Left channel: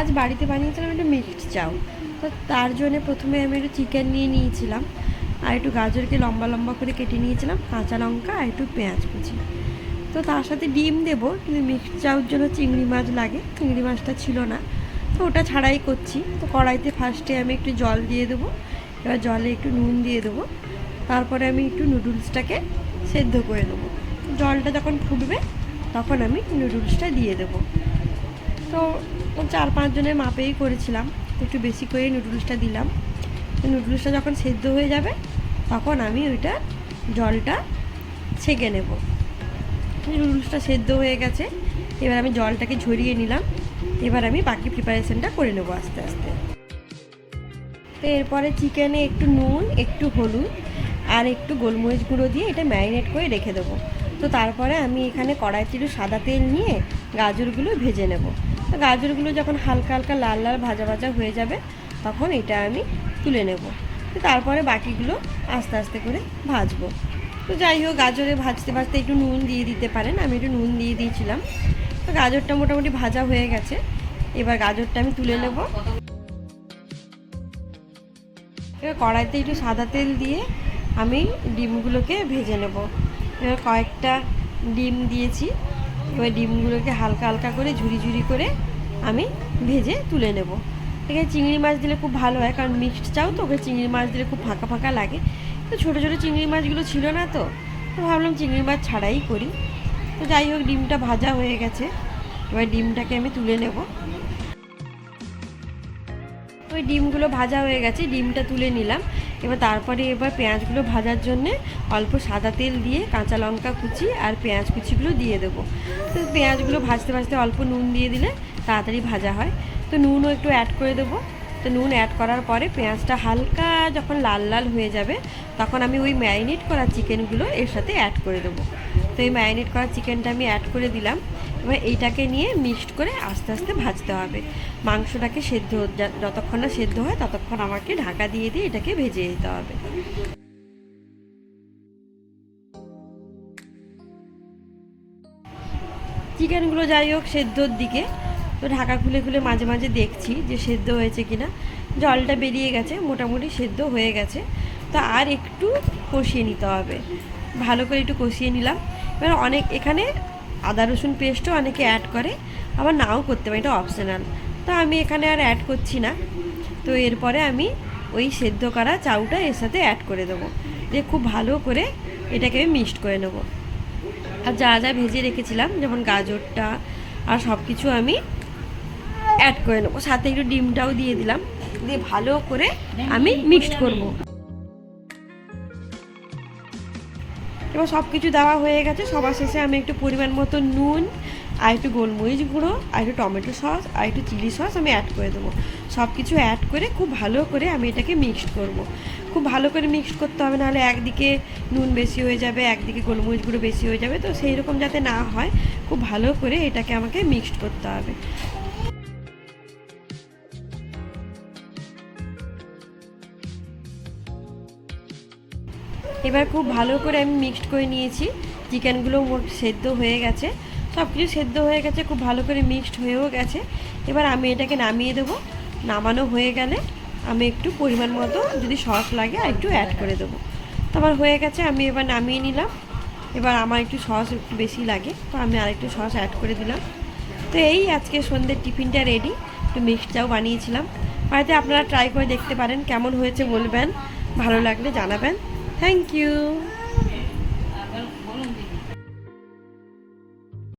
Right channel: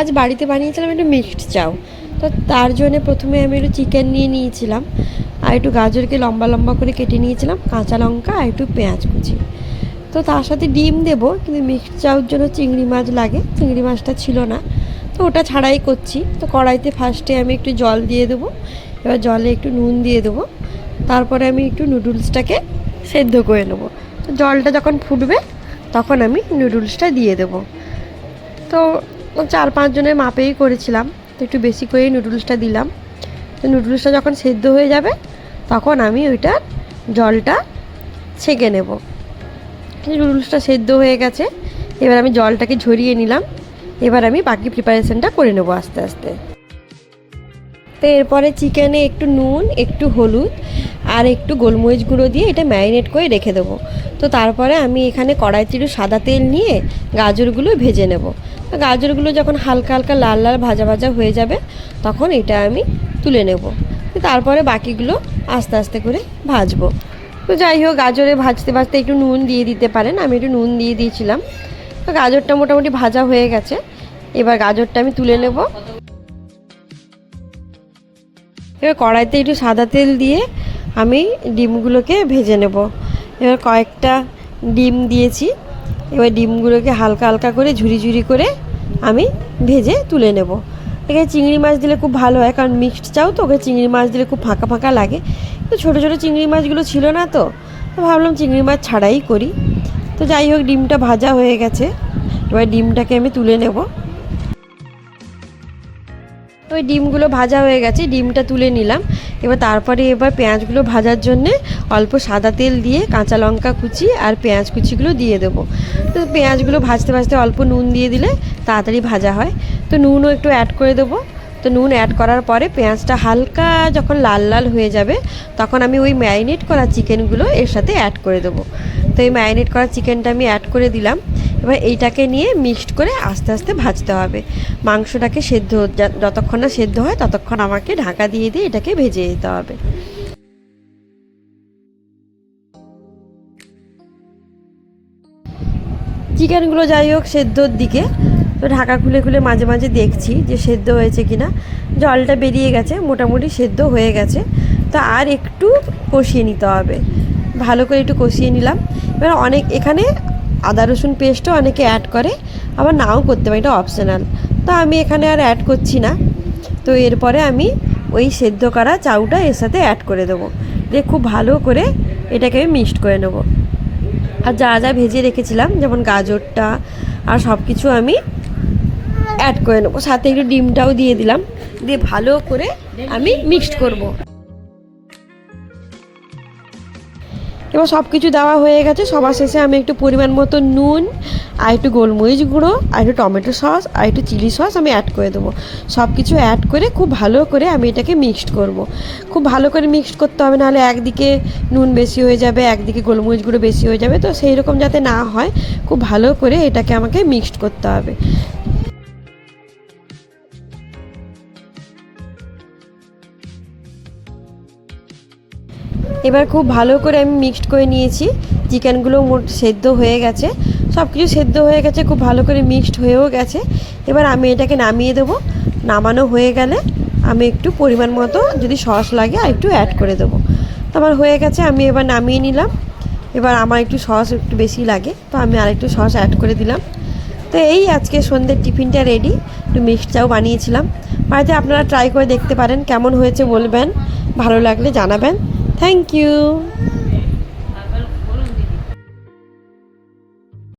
আজ বাড়িতে বানিয়েছিলাম একটু মিক্সড চাউ। তো তার জন্য প্রথমে আমি একটু চিকেন নিয়ে নিয়েছিলাম, আর একটু গাজরকে লম্বা লম্বা করে কেটে নিয়েছিলাম, কাঁচা লঙ্কা আর একটু পেঁয়াজ কুচি। তো তার সাথে ডিম দেবো, কিন্তু মিক্সড চাউর জন্য চিংড়ি মাছ লাগে, চিংড়ি মাছটা ছিল না, তো ওটা ছাড়াই করছি। তো কড়াইতে ফার্স্টে আমি একটু জল দিয়ে দেবো, এবার জলে একটু নুন দিয়ে দেবো, তারপরে আমি একটু নুডলসটাকে সেদ্ধ করে নেবো। তো জলটা যখন ফুটবে তখন আমি নুডলসটা দিয়ে দেবো। তো 4-5 জনের মাপেই করেছিলাম, তো একটু বেশি করেই নুডলসটা দিলাম। তো নুডলসটা যখন সেদ্ধ হয়ে যাবে তখন আমি ওইটা জলটা ছেঁকে নেব। নুডলসটা সেদ্ধ হয়ে গেছে, এবার আমি জলটাকে ঝরিয়ে নিলাম। এবার আমি বাকি প্রিপারেশনটা করে নেবো আস্তে আস্তে। তো এরপরে চিকেনে একটু নুন, একটু হলুদ আর একটু গোলমরিচ গুঁড়ো দিয়ে এটা ম্যারিনেট করে রেখে দেবো। তো তারপরে আমি এখানে কড়াইতে একটু সাদা তেল নিয়ে গাজরগুলো ভেজে নেব। তো গাজরগুলো যখন হালকা হালকা লাল লাল ভাজা ভাজা হয়ে যাবে তখন এটা আমি তুলে নেব। তো তারপরে বাকিগুলো আস্তে আস্তে করে ভাজবো। তো যাই হোক, গাজরে ভাজতে ভাজতে একটু নুন দিয়ে দিতে পারেন, আমি একটু নুন দিয়ে দিয়েছিলাম। তো গাজরটা মোটামুটি ভাজা হয়ে গেছে, এবার গাজরটা আমি তুলে নেব। এবার কড়াইতে একটু সাদা তেল দিয়ে আমি ডিমগুলোকে ভেজে নেব। এবার কয়েকটা ডিম দিয়েছি, এবার ডিমগুলোকে হালকা হালকা করে ঝুরি ঝুরি করে আমি ভেজে তুলে নেব। এখানে চিংড়ি মাছ দিলে খুব ভালো হয়, কারণ মিক্সড চাও তো, ওকে চিংড়ি মাছ দিলে খুব ফাঁকা ফাঁকা লাগে। তো ছোটো ছোটো চিংড়ি মাছগুলো ছিল না, তো ভাবলাম চিংড়ি মাছ ছাড়াই করি। তো যাই হোক, ডিমটা ভাজা হয়ে গেছে, এবার ডিমটাকে আমি তুলে নেব। ওই ডিমগুলো ভাজা হয়ে গেছে, ডিমটা তুলে নিলাম। এবার পেঁয়াজগুলো ভাজার জন্যে অল্প সাদা তেল দিয়ে কাঁচা লঙ্কা কুচি আর পেঁয়াজ কুচিগুলো দিয়ে দেবো। তো পেঁয়াজগুলো ভাজতে ভাজতে অল্প নুন দিয়ে দিলে তাড়াতাড়ি ভাজা হয়। তো নুনও একটু অ্যাড করে দেবো। তো নুন অ্যাড করার পরে পেঁয়াজটা হালকা যখন লাল লাল হয়ে যাবে তখন আমি ওই ম্যারিনেট করা চিকেনগুলো এর সাথে অ্যাড করে দেবো। তো এই ম্যারিনেট করা চিকেনটা আমি অ্যাড করে দিলাম। এবার এইটাকে নিয়ে মিক্সড করে আস্তে আস্তে ভাজতে হবে। মাংসটাকে যতক্ষণ না সেদ্ধ হয় ততক্ষণ আমাকে ঢাকা দিয়ে দিয়ে এটাকে ভেজে যেতে হবে। চিকেনগুলো যাই হোক সেদ্ধর দিকে, তো ঢাকা খুলে খুলে মাঝে মাঝে দেখছি যে সেদ্ধ হয়েছে কিনা। জলটা বেরিয়ে গেছে, মোটামুটি সেদ্ধ হয়ে গেছে। তো আর একটু কষিয়ে নিতে হবে, ভালো করে একটু কষিয়ে নিলাম। এবার এখানে আদা রসুন পেস্টও অনেকে অ্যাড করে, আবার নাও করতে পারে, এটা অপশনাল। তো আমি এখানে আর অ্যাড করছি না। তো এরপরে আমি ওই সেদ্ধ করা চাউটা এর সাথে অ্যাড করে দেবো, দিয়ে খুব ভালো করে এটাকে আমি মিক্সড করে নেব। আর যা যা ভেজে রেখেছিলাম যেমন গাজরটা আর সব কিছু আমি অ্যাড করে নেবো, সাথে একটু ডিমটাও দিয়ে দিলাম, দিয়ে ভালো করে আমি মিক্সড করব। এবার সব কিছু দেওয়া হয়ে গেছে, সবার শেষে আমি একটু পরিমাণ মতো নুন আর একটু গোলমরিচ গুঁড়ো আর একটু টমেটো সস আর একটু চিলি সস আমি অ্যাড করে দেবো। সব কিছু অ্যাড করে খুব ভালো করে আমি এটাকে মিক্সড করব। খুব ভালো করে মিক্সড করতে হবে, নাহলে একদিকে নুন বেশি হয়ে যাবে, একদিকে গোলমরিচ গুঁড়ো বেশি হয়ে যাবে। তো সেই রকম যাতে না হয় খুব ভালো করে এটাকে আমাকে মিক্সড করতে হবে। এবার খুব ভালো করে আমি মিক্সড করে নিয়েছি, চিকেনগুলো সেদ্ধ হয়ে গেছে, সব কিছু সেদ্ধ হয়ে গেছে, খুব ভালো করে মিক্সড হয়েও গেছে। এবার আমি এটাকে নামিয়ে দেবো। নামানো হয়ে গেলে আমি একটু পরিমাণ মতো যদি সস লাগে আর একটু অ্যাড করে দেবো। তো আমার হয়ে গেছে, আমি এবার নামিয়ে নিলাম। এবার আমার একটু সস একটু বেশি লাগে, তো আমি আরেকটু সস অ্যাড করে দিলাম। তো এই আজকে সন্ধ্যের টিফিনটা রেডি। একটু মিক্সড চাও বানিয়েছিলাম, বাড়িতে আপনারা ট্রাই করে দেখতে পারেন, কেমন হয়েছে বলবেন, ভালো লাগলে জানাবেন। Thank you.